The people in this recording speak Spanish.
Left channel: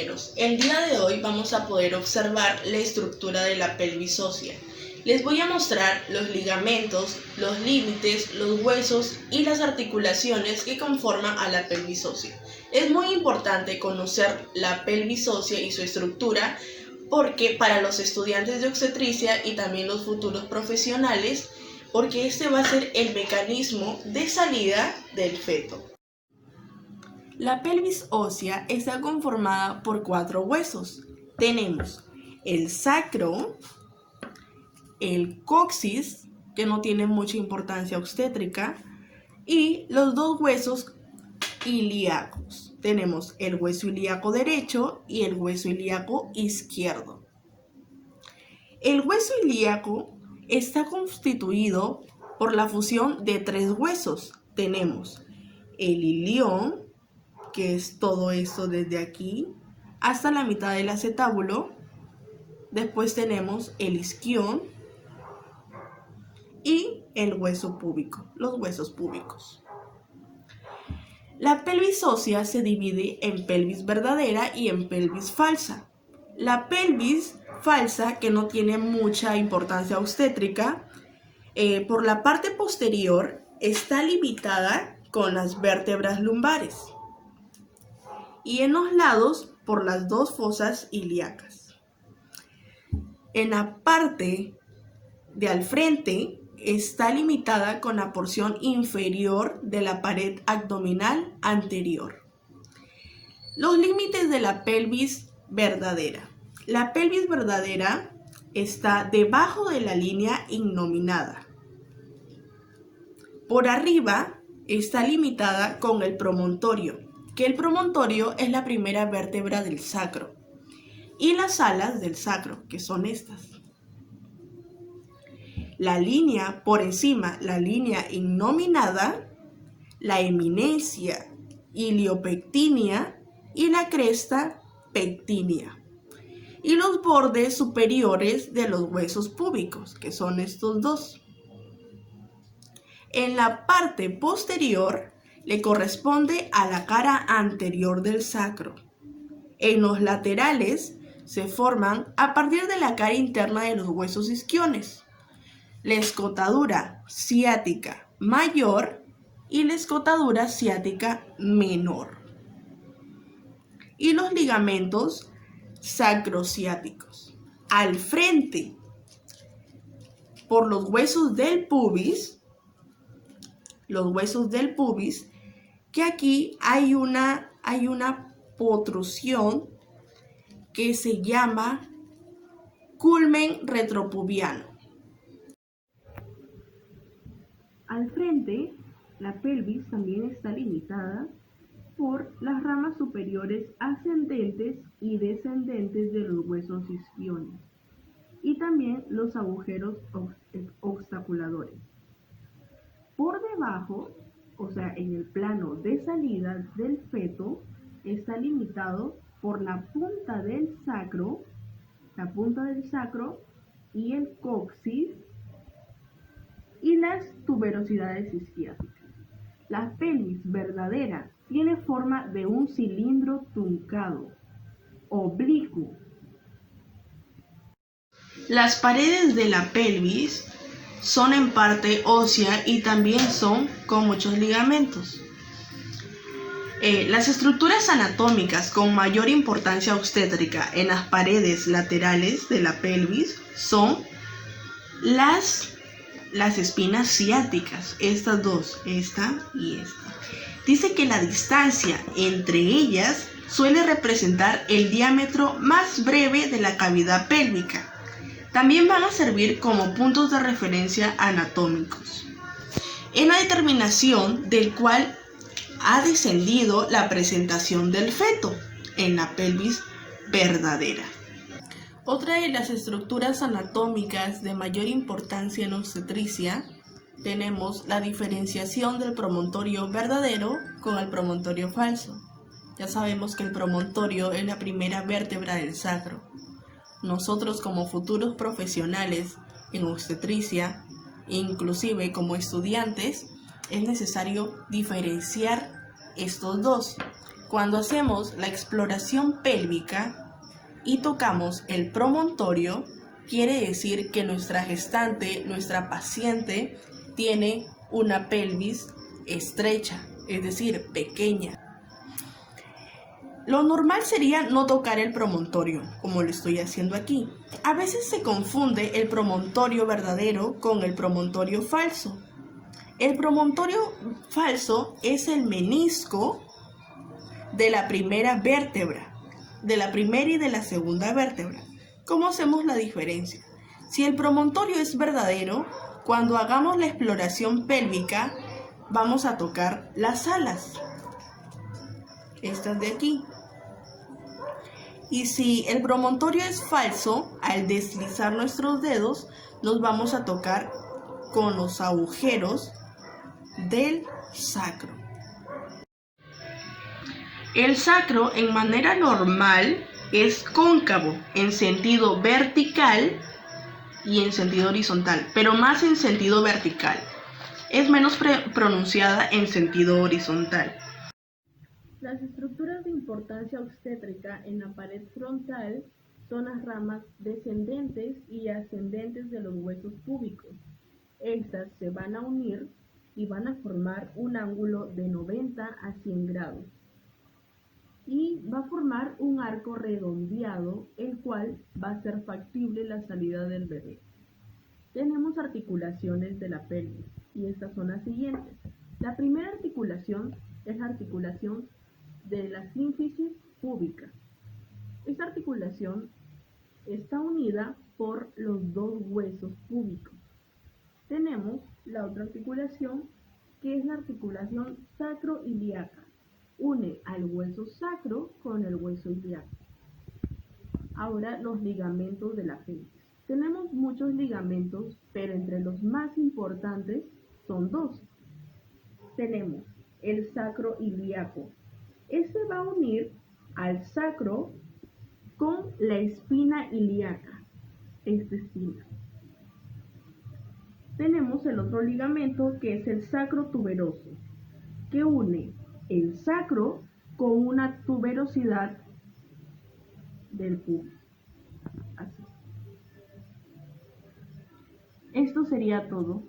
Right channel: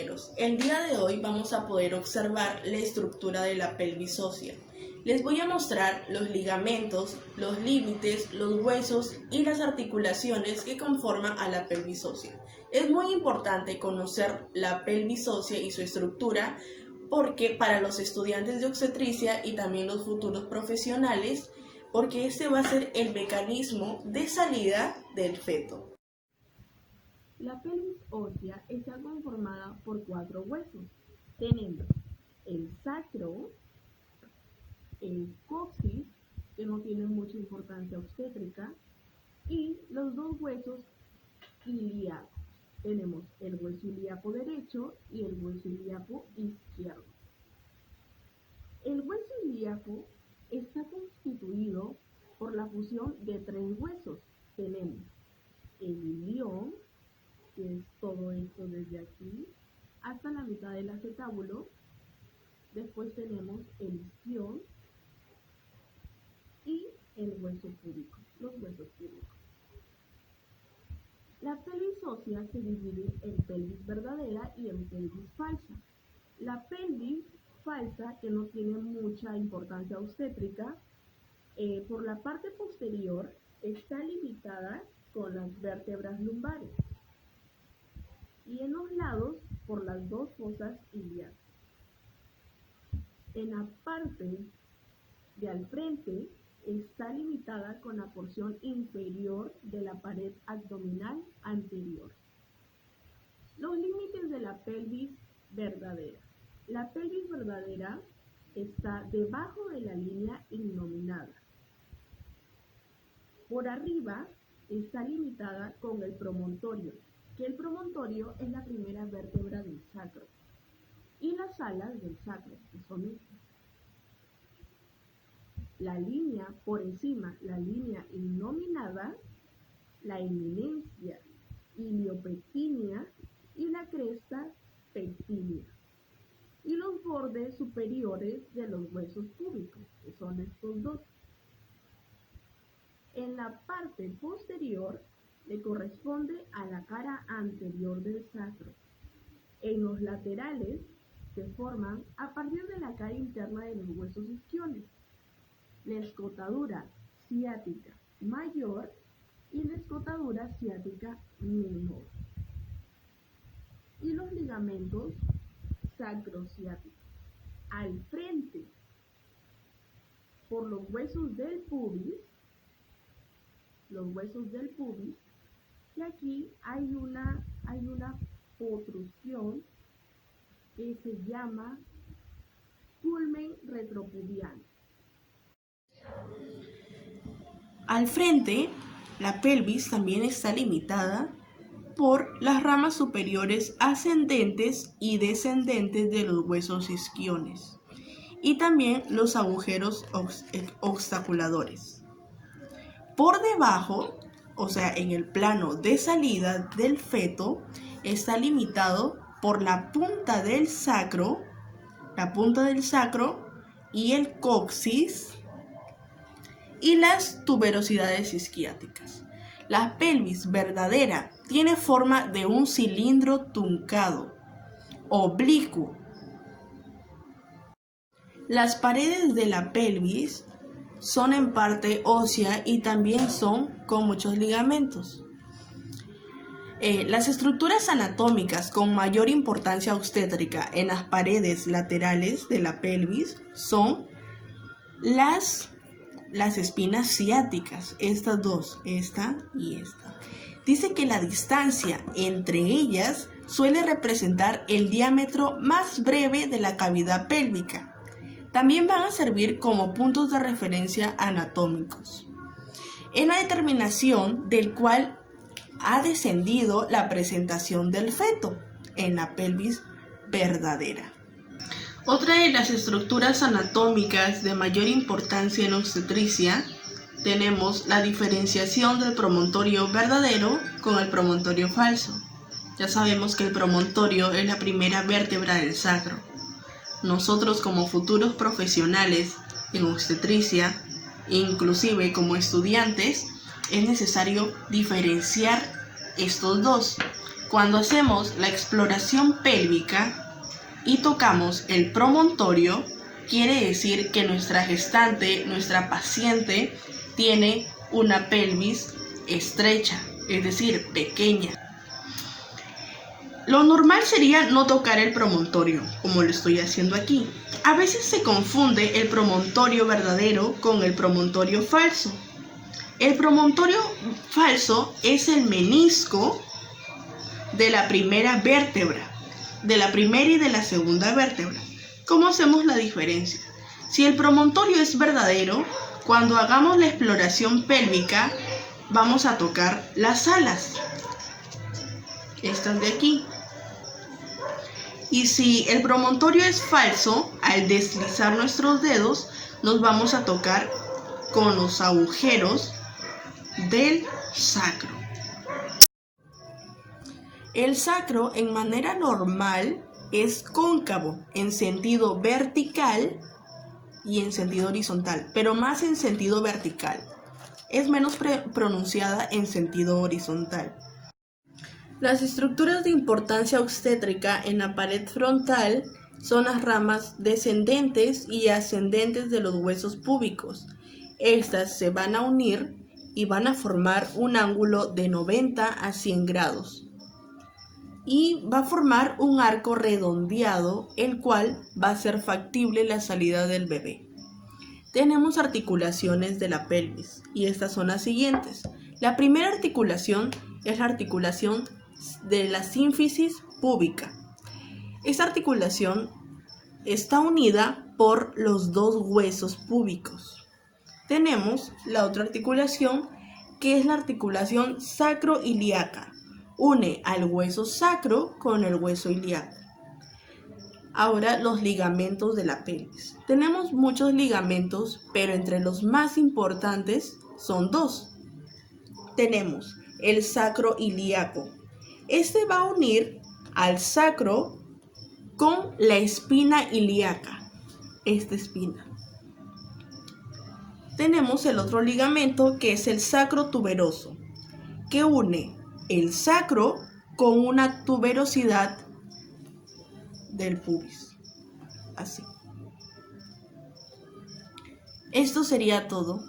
compañeros, el día de hoy vamos a poder observar la estructura de la pelvis ósea. Les voy a mostrar los ligamentos, los límites, los huesos y las articulaciones que conforman a la pelvis ósea. Es muy importante conocer la pelvis ósea y su estructura porque para los estudiantes de obstetricia y también los futuros profesionales, porque este va a ser el mecanismo de salida del feto. La pelvis ósea está conformada por 4 huesos. Tenemos el sacro, el coxis, que no tiene mucha importancia obstétrica, y los 2 huesos ilíacos. Tenemos el hueso ilíaco derecho y el hueso ilíaco izquierdo. El hueso ilíaco está constituido por la fusión de 3 huesos. Tenemos el ilión, que es todo esto desde aquí hasta la mitad del acetábulo. Después tenemos el isquión y el hueso púbico, los huesos púbicos. La pelvis ósea se divide en pelvis verdadera y en pelvis falsa. La pelvis falsa, que no tiene mucha importancia obstétrica, por la parte posterior está limitada con las vértebras lumbares y en los lados por las 2 fosas ilíacas. En la parte de al frente está limitada con la porción inferior de la pared abdominal anterior. Los límites de la pelvis verdadera. La pelvis verdadera está debajo de la línea innominada. Por arriba está limitada con el promontorio, que el promontorio es la primera vértebra del sacro, y las alas del sacro, que son estas. La línea por encima, la línea innominada, la eminencia iliopectínea y la cresta pectínea. Y los bordes superiores de los huesos púbicos, que son estos 2. En la parte posterior le corresponde a la cara anterior del sacro. En los laterales se forman a partir de la cara interna de los huesos isquiones, la escotadura ciática mayor y la escotadura ciática menor, y los ligamentos sacrociáticos. Al frente, por los huesos del pubis, que aquí hay una protrusión que se llama culmen retropubiano. Al frente, la pelvis también está limitada por las ramas superiores ascendentes y descendentes de los huesos isquiones y también los agujeros obstaculadores. Por debajo, o sea, en el plano de salida del feto, está limitado por la punta del sacro y el coxis y las tuberosidades isquiáticas. La pelvis verdadera tiene forma de un cilindro truncado, oblicuo. Las paredes de la pelvis son en parte ósea y también son con muchos ligamentos. Las estructuras anatómicas con mayor importancia obstétrica en las paredes laterales de la pelvis son las espinas ciáticas, estas 2, esta y esta. Dice que la distancia entre ellas suele representar el diámetro más breve de la cavidad pélvica. También van a servir como puntos de referencia anatómicos en la determinación del cual ha descendido la presentación del feto en la pelvis verdadera. Otra de las estructuras anatómicas de mayor importancia en obstetricia tenemos la diferenciación del promontorio verdadero con el promontorio falso. Ya sabemos que el promontorio es la primera vértebra del sacro. Nosotros como futuros profesionales en obstetricia, inclusive como estudiantes, es necesario diferenciar estos 2. Cuando hacemos la exploración pélvica y tocamos el promontorio, quiere decir que nuestra gestante, nuestra paciente, tiene una pelvis estrecha, es decir, pequeña. Lo normal sería no tocar el promontorio, como lo estoy haciendo aquí. A veces se confunde el promontorio verdadero con el promontorio falso. El promontorio falso es el menisco de la primera vértebra, de la primera y de la segunda vértebra. ¿Cómo hacemos la diferencia? Si el promontorio es verdadero, cuando hagamos la exploración pélvica, vamos a tocar las alas, estas de aquí. Y si el promontorio es falso, al deslizar nuestros dedos, nos vamos a tocar con los agujeros del sacro. El sacro en manera normal es cóncavo en sentido vertical y en sentido horizontal, pero más en sentido vertical. Es menos pronunciada en sentido horizontal. Las estructuras de importancia obstétrica en la pared frontal son las ramas descendentes y ascendentes de los huesos púbicos. Estas se van a unir y van a formar un ángulo de 90 a 100 grados. Y va a formar un arco redondeado, el cual va a ser factible la salida del bebé. Tenemos articulaciones de la pelvis y estas son las siguientes. La primera articulación es la articulación de la sínfisis púbica. Esta articulación está unida por los dos huesos púbicos. Tenemos la otra articulación que es la articulación sacroiliaca. Une al hueso sacro con el hueso ilíaco. Ahora los ligamentos de la pelvis. Tenemos muchos ligamentos, pero entre los más importantes son dos. Tenemos el sacroiliaco. Este va a unir al sacro con la espina ilíaca. Esta espina. Tenemos el otro ligamento que es el sacrotuberoso, que une el sacro con una tuberosidad del pubis. Así. Esto sería todo.